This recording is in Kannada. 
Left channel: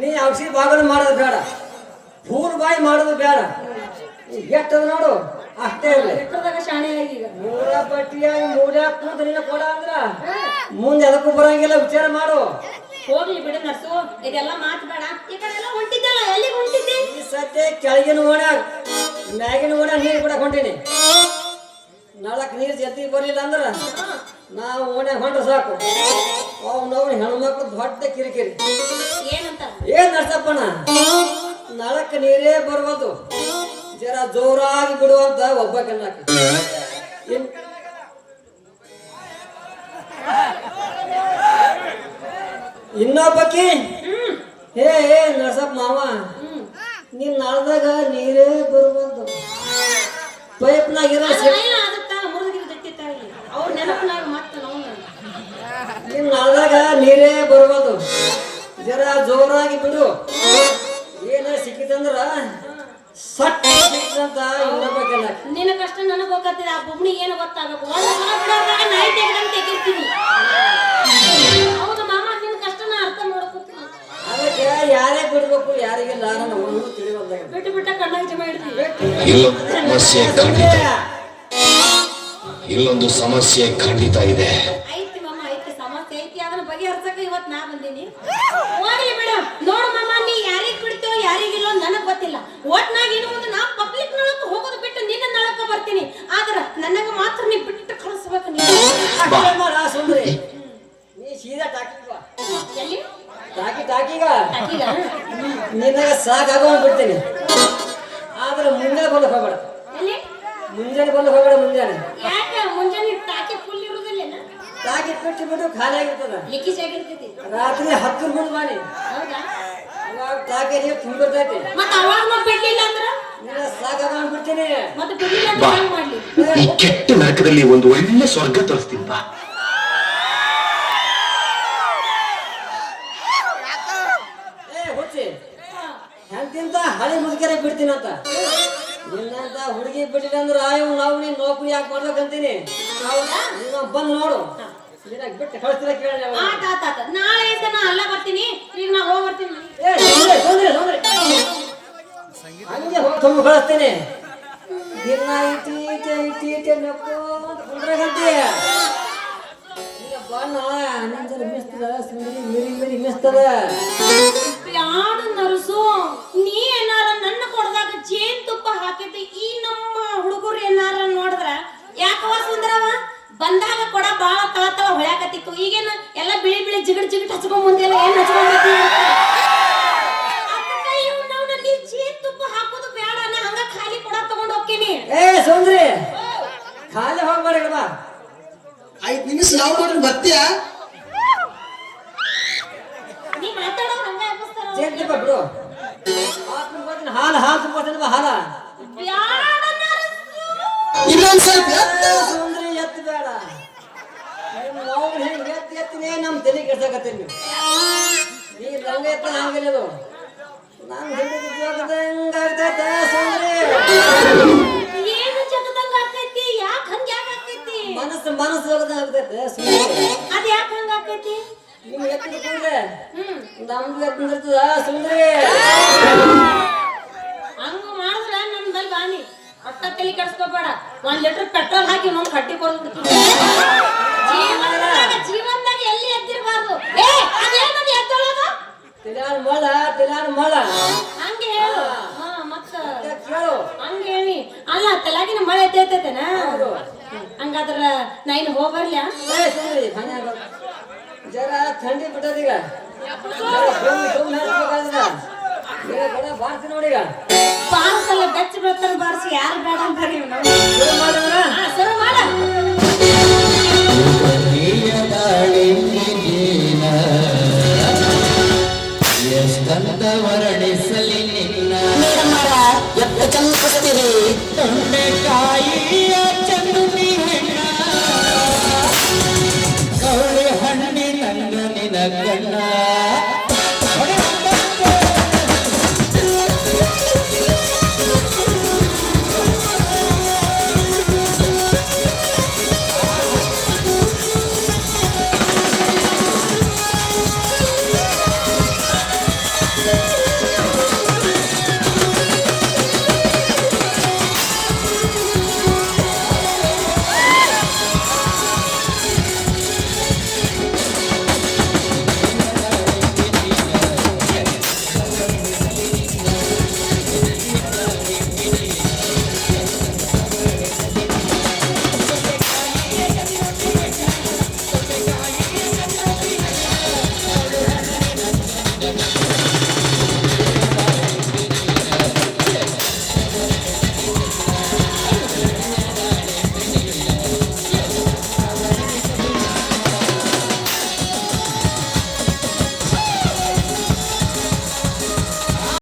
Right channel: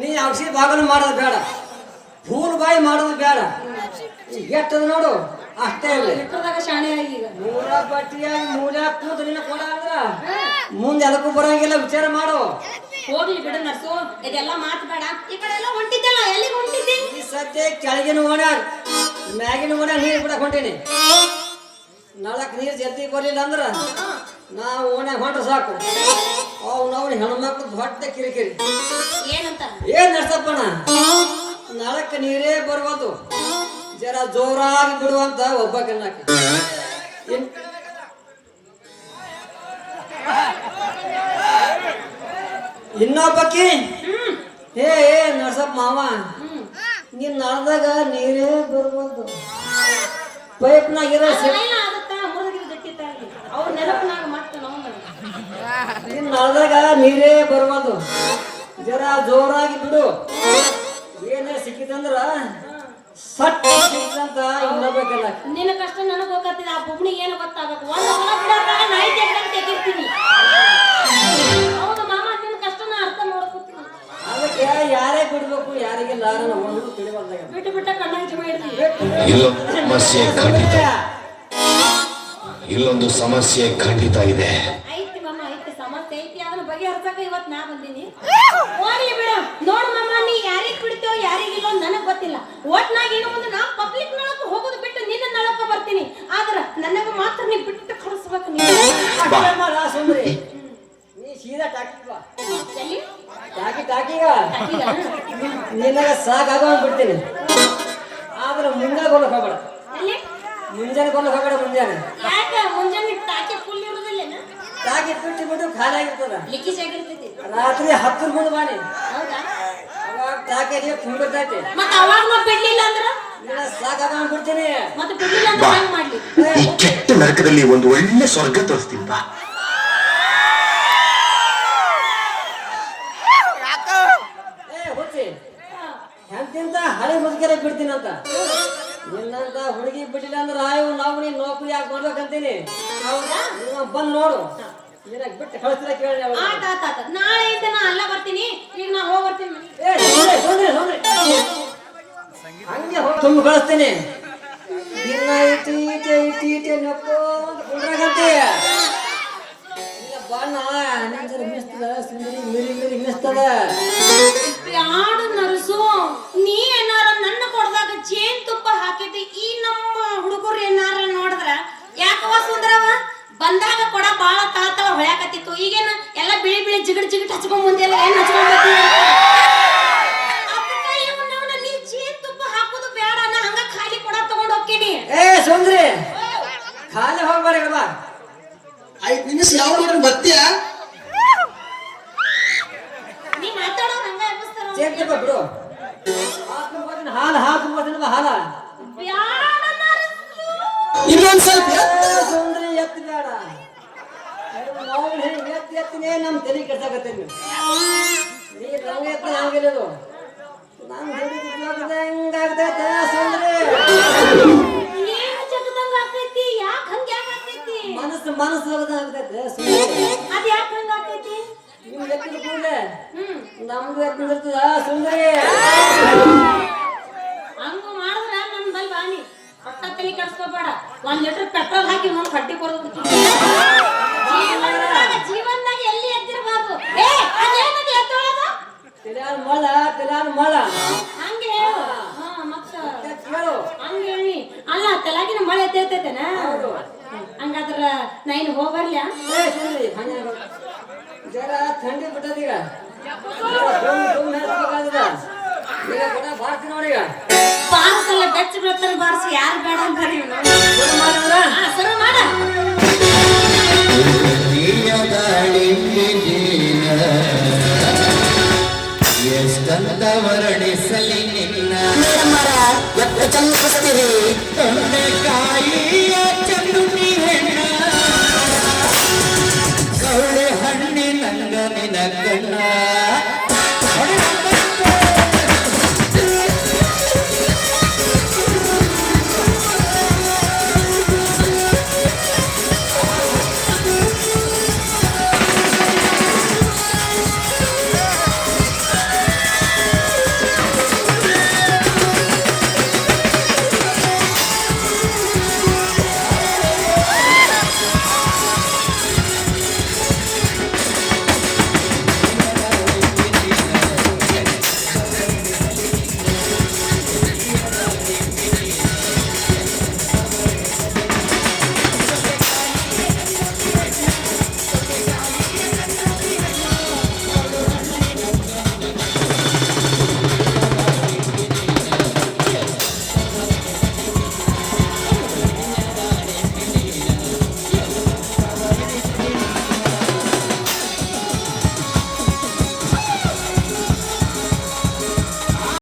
ನೀ ಔಷಧಿ ಬಾಗಲು ಮಾಡೋದು ಬೇಡ, ಫೂಲ್ ಬಾಯಿ ಮಾಡೋದು ಬೇಡ. ಎಟ್ಟದ ನೋಡು ಅಷ್ಟೇ ಇಲ್ಲ. ಶಾಣೆ ಆಗೀಗ ಮೂರ ಬಟ್ಟಿಯಾಗಿ ಮೂಲ ಕೂತು ನಿನ್ನ ಕೊಡ ಅಂದ್ರ ಮುಂದೆ ಅದಕ್ಕೂ ಬರಂಗಿಲ್ಲ. ವಿಚಾರ ಮಾಡು. ಹೋಗ್ಲಿ ಬಿಡ ನರ್ಸು, ಇದೆಲ್ಲ ಮಾತು ಬೇಡ. ಈ ಕಡೆ ಎಲ್ಲ ಹೊಂಟಿದ್ದಲ್ಲ, ಎಲ್ಲಿಗೆ ಹೊಂಟಿದ್ದೆ? ಈ ಸದ್ಯ ಕೆಳಗಿನ ಓಣ್ಯಾಗ ಮ್ಯಾಗಿನ ಓಣ್ಯಾಗ ನೀರು ಬಿಡಕ್ ಹೊಂಟೀನಿ. ನಾಳಕ್ ನೀರು ಜಲ್ದಿ ಬರಲಿಲ್ಲ ಅಂದ್ರ ನಾವು ಓಣ್ಯಾಗ ಹೊಂಟ್ರೆ ಸಾಕು. ಅವ್ನವ್ರು ಹೆಣ್ಮಕ್ಳು ದೊಡ್ಡ ಕಿರಿಕಿರಿ. ಏನಂತ? ಏನ್ ನಡ್ಸಪ್ಪಣ, ನಾಳಕ್ಕೆ ನೀರೇ ಬರ್ಬೋದು, ಜರ ಜೋರಾಗಿ ಬಿಡುವಂತ ಒಬ್ಬ ಕಣ್ಣಾಕಿ. ಇನ್ನೊಬ್ಬಕಿ ಏ ನಡ್ಸಪ್ಪ ಮಾವ, ನೀನ್ ನಾಳ್ದಾಗ ನೀರೇ ಬರ್ಬೋದು, ಪೈಪ್ನಾಗ ನೀನ್ ನಾಳ್ದಾಗ ನೀರೇ ಬರ್ಬೋದು, ಜರ ಜೋರಾಗಿ ಬಿಡು. ಏನ ಸಿಕ್ಕಿದಂದ್ರ ಸಟ್ ಸಿಕ್ಕಿದಂತ ಇನ್ನೊಬ್ಬ ಕಣ್ಣಾಕಿ. ನಿನ್ನ ಕಷ್ಟ ನನಗೆ ಗೊತ್ತಿದೆ. ಆ ಬುಬ್ಣಿ ಏನು ಗೊತ್ತಾಗಬೇಕು? ನಾಯಿ ತೆಗಿರ್ತೀನಿ. ಹೌದು ಮಾಮ, ನಿನ್ನ ಕಷ್ಟನ ಅರ್ಥ ಮಾಡ್ಕೊತೀನಿ. ಅದಕ್ಕೆ ಯಾರೇ ಬಿಡ್ಬೇಕು ಯಾರಿಗಿಲ್ಲ ತಿಳಿವಲ್ಲ. ಬಿಟ್ಟು ಬಿಟ್ಟ ಕಣ್ಣಾಗ ಜಮ ಇರ್ತೀನಿ. ಇಲ್ಲೊಂದು ಸಮಸ್ಯೆ ಖಂಡಿತ ಇದೆ. ಐತಿ ಮಾಮ, ಐತಿ ಸಮಸ್ಯೆ ಐತಿ. ಅದನ್ನ ಬಗೆಹರ್ಸಕ ಇವತ್ತು ನಾ ಬಂದೀನಿ. ಹೋಗ್ಲಿ ಬಿಡು. ನೋಡು ಮಾಮ, ನೀ ಯಾರಿಗೆ ಬಿಡ್ತೀವೋ ಯಾರಿಗಿಲ್ಲ ನನಗ್ ಗೊತ್ತಿಲ್ಲ. ಒಟ್ನಾಗ ಇನ್ನು ಮುಂದೆ ನಾ ಪಬ್ಲಿಕ್ ನಳಕ್ಕೆ ಹೋಗೋದು ಬಿಟ್ಟು ನಿನ್ನ ನಳಕ್ಕೆ ಬರ್ತೀನಿ. ಆದ್ರ ನನಗ ಮಾತ್ರ ನೀ ಬಿಟ್ಟು ಕಳಿಸ್ಬೇಕು. ನೀ ಸೀದಾ ಟಾಕಿಗ ನಿನಗ ಸಾಕಾಗ ಬಿಡ್ತೀನಿ. ಆದ್ರೆ ಮುಂಜಾನೆ ಬರ್ಲಿಕ್ಕೆ ಹೋಗ್ಬೇಡ. ಮುಂಜಾನೆ ಬರ್ಲಿಕ್ಕೆ ಹೋಗ್ಬೇಡ. ಮುಂಜಾನೆ ಟಾಕಿ ಫುಲ್ ಇರುದಿಲ್ಲ. ಟಾಕಿ ಬಿಟ್ಟು ಬಿಟ್ಟು ಖಾಲಿ ಆಗಿರ್ತದ. ಲಿಕ್ಕಿ ಆಗಿರ್ತೈತಿ. ರಾತ್ರಿ 10 ಮುಂದೆ ಬಾನಿ. ಅವಾಗ ಟಾಕಿ ತುಂಬಿರ್ತೈತಿ. ಮತ್ತೆ ಅವಾಗ ಬಿಡ್ಲಿಲ್ಲ ಅಂದ್ರ ಸಾಕಾಗ ಬಿಡ್ತೀನಿ. ಮತ್ತೆ ಬಿಡ್ಲಿಲ್ಲ ಅಂದ್ರೆ ಹೆಂಗ್ ಮಾಡ್ಲಿ? ಈ ಕೆಟ್ಟ ನರಕದಲ್ಲಿ ಒಂದು ಒಳ್ಳೆ ಸ್ವರ್ಗ ತೋರಿಸ್ತೀನಿ ಬಾ. ಎಂತಿಂತ ಹಳಿ ಮುದುಕರೆ ಬಿಡ್ತೀನಂತ. ನಿನ್ನಂತ ಹುಡುಗಿ ಬಿಟ್ಟಿಲ್ಲ ಅಂದ್ರೆ ನಾವು ನೀನ್ ನೌಕರಿ ಯಾಕೆ ಮಾಡ್ಬೇಕಂತೀನಿ. ಬಂದು ನೋಡು, ಬಿಟ್ಟು ಕಳಿಸ್ತಿರ ಕೇಳಿ. ನಾಳೆ ನಾ ಅಲ್ಲ ಬರ್ತೀನಿ. ಈಗ ನಾ ಹೋಗಿ ಬರ್ತೀನಿ. ಹಂಗೆ ಹೋಗಿ ತುಂಬ ಕಳಿಸ್ತೀನಿ. ದಿನ ಇಟಿ ನಕ್ಕೋ ಕುಂಡ್ರಾಗಂತೆ. ಬಣ್ಣ ನಿಂಜರ ಮಿಸ್ತದ, ಸುಂದರಿ ಮಿರಿ ಮಿಸ್ತದ. ಬ್ಯಾಡ ನರಸು, ನೀ ಏನಾರ ನನ್ನ ಕೊಡದಾಗ ಜೇನ್ ತುಪ್ಪ ಹಾಕಿದ್ದೆ. ಈ ನಮ್ಮ ಹುಡುಗರು ಏನಾರ ನೋಡಿದ್ರ ಯಾಕವ ಸುಂದರವ ಬಂದಾಗ ಕೊಡ ಬಾಳ ತಾತಾವ ಹೊಳ್ಯಾಕತ್ತಿತ್ತು. ಈಗೇನ ಎಲ್ಲ ಬಿಳಿ ಬಿಳಿ ಜಿಗಟ್ ಹಚ್ಕೊಂಡ್ ಮುಂದೆಲ್ಲ ಏನ್ ಹಚ್ಕೊಂಡ್ ಬರ್ತೀವಿ. ನೀ ಜೇನ್ ತುಪ್ಪ ಹಾಕೋದು ಬೇಡ. ನಾ ಹಂಗ ಖಾಲಿ ಕೊಡ ತಗೊಂಡ್ ಹೋಗ್ತೀನಿ. ಏ ಸುಂದ್ರಿ, ಖಾಲಿ ಹೋಗ್ಬೇಡ. 5 ನಿಮಿಷ ಯಾವ ಮಾಡ್ರಿ ಬರ್ತೀಯ? ನೀ ಮಾತಾಡೋರು ಹಂಗ ಎಬ್ಬಿಸ್ತಾರ. ಜೇನ್ ತುಪ್ಪ ಬಿಡು. ಹಾಲು ಹಾಲ ಇನ್ನೊಂದ್ ಸ್ವಲ್ಪ ಸುಂದ್ರಿ ಎತ್ತು ಬೇಡ. ನಾವು ಹೆಂಗ್ ಎತ್ತಿನೇ ನಮ್ ತಲೆ ಕೆಡ್ಸಾಕತ್ತೀವಿ. ನೀ ಲಂಗ ಎತ್ತ ಹಂಗಿಲ್ಲ. ನಮ್ ಹಿಡಿದ ಹೆಂಗಾಗ್ತೈತೆ ಸುಂದ್ರಿ? ಏನು ಜಗದಂಗ ಆಗ್ತೈತಿ? ಯಾಕ ಹಂಗ ಆಗ್ತೈತಿ? ಮನಸ್ಸು ಹೋಗದಾಗ್ತೈತೆ ಸುಂದ್ರಿ. ಅದ ಯಾಕ ಹಂಗ ಆಗ್ತೈತಿ? ನಿಮ್ ಎತ್ತಿನ ಕೂಡ್ಲೆ ನಮ್ದು ಎತ್ತಿರ್ತದ ಸುಂದ್ರಿ. ಹಂಗ ಮಾಡಿದ್ರ ನಮ್ ಬಲ್ ಬಾನಿ ಒಟ್ಟ ತಲೆ ಕೆಡ್ಸ್ಕೋಬೇಡ. 1 ಲೀಟರ್ ಪೆಟ್ರೋಲ್ ಹಾಕಿ ನೋಡ್ ಕಟ್ಟಿ ಕೊಡೋದು. ಜೀವನದಾಗ ಎಲ್ಲಿ ಎತ್ತಿರಬಾರ್ದು. ಮಳ ಹಂಗೆ ಹೇಳು. ಮತ್ತ ಹಂಗೆ ಹೇಳಿ. ಅಲ್ಲ ತಲೆಗಿನ ಮಳೆ ಎತ್ತೈತೇನ? ಹಂಗಾದ್ರ ನಾ ಇನ್ನು ಹೋಗ್ಬರ್ಲ? ಜರ ಥಂಡಿ ಬಿಟ್ಟದೀಗ. ಬಾರ್ತಿ ನೋಡೀಗ. ಬಾರಿಸಲ್ಲ ಬೆಚ್ಚ ಬರ್ತಾರ ಬಾರಿಸಿ ಯಾರು ಬೇಡ ಅಂತಾರ. ಶುರು ಮಾಡ.